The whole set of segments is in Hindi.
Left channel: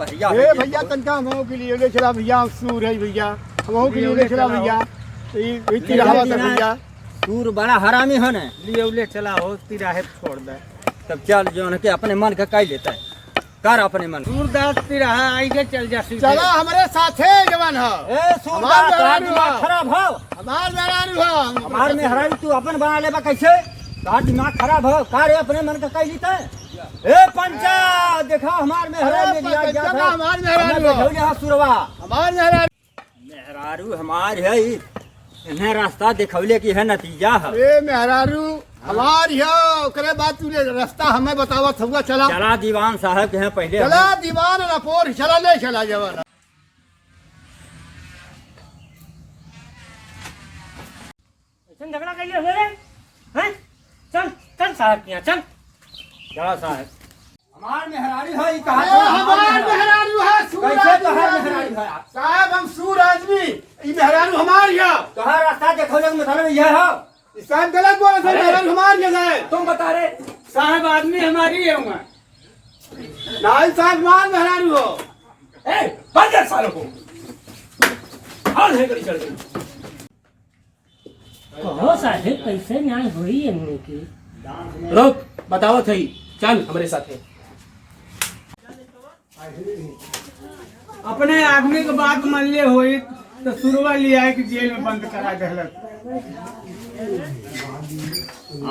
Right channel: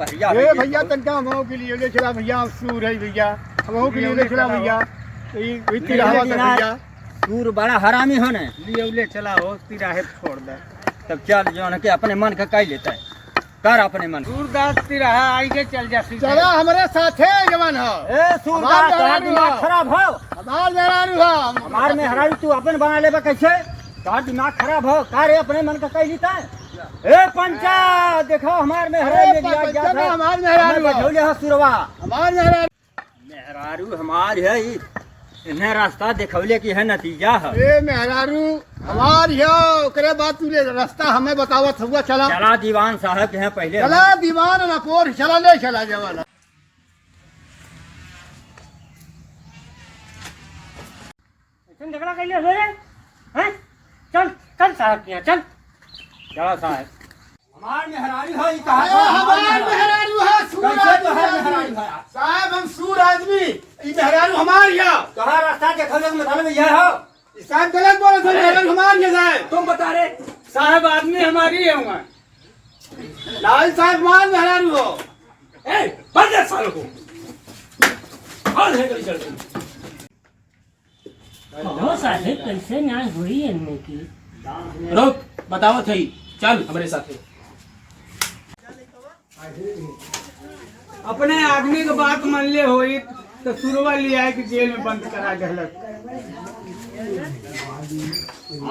भैया ए भैया तनका हमो के लिए ले चला भैया सूर है भैया हमो के लिए ले चला भैया ई तिरहवा तक भैया सूर बड़ा हरामी हो ने लिए ले चला हो तिराहे छोड़ दे। तब चल जो है कि अपने मन के कह लेता है कर अपने मन सूरदास तिराहा आई के चल जा चला हमारे साथे जवान हो ए सूरदास तेरा दिमाग खराब हो हमार मेहरारू हो हमार में हराई तू अपन बना लेबा कैसे तार दिमाग खराब हो का रे अपने मन का कह लेता है ए पंचा देखो हमार में हराई ले दिया गया था हमार मेहरारू बैठो यहाँ सुरवा हमार मेहरारू मेहरारू हमार है इन्हें रास्ता दिखौले की है नतीजा है ए मेहरारू हमार हो ओकरे बाद तू रास्ता हमें बतावत हुआ चला चला दीवान साहब के हैं पहले चला दीवान रपोर चला ले चला जवान झगड़ा कर ले हैं चल चल साहब के यहाँ चल चला साहब हमार मेहरारू है कहा हमार मेहरारू है कैसे तो है मेहरारू है साहब हम सूर आदमी ई मेहरारू हमार हो कहा रास्ता दिखौले का मतलब यह हो साहब गलत बोल रहे मेहरारू हमार है तुम बता रहे साहब आदमी हमारी है वहाँ नाई साहब मान मेहरारू हो ए बंद कर सालों को और है गली चल हो साहब कैसे न्याय हुई इनने की रोक बताओ थई चल हमारे साथ अपने आदमी के बात मान ले होई तो सुरवा लिया है कि जेल में बंद करा दहलक।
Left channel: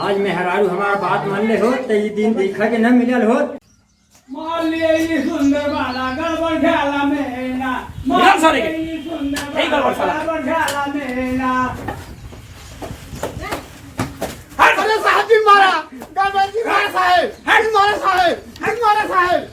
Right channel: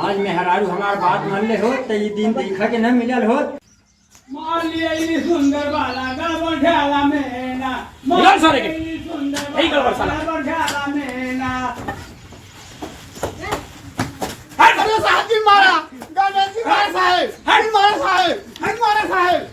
आज मेहरारू हमार बात मान ले हो तो ये दिन दिखा के न मिलल हो मान लिए ये सुंदर बाला गड़बड़ ख्याला में ना यार सारे के। ये सुंदर यही गड़बड़ साला। गड़बड़ ख्याला में ना अरे साहब जी मारा गणपत जी मारा साहब हट मारा साहब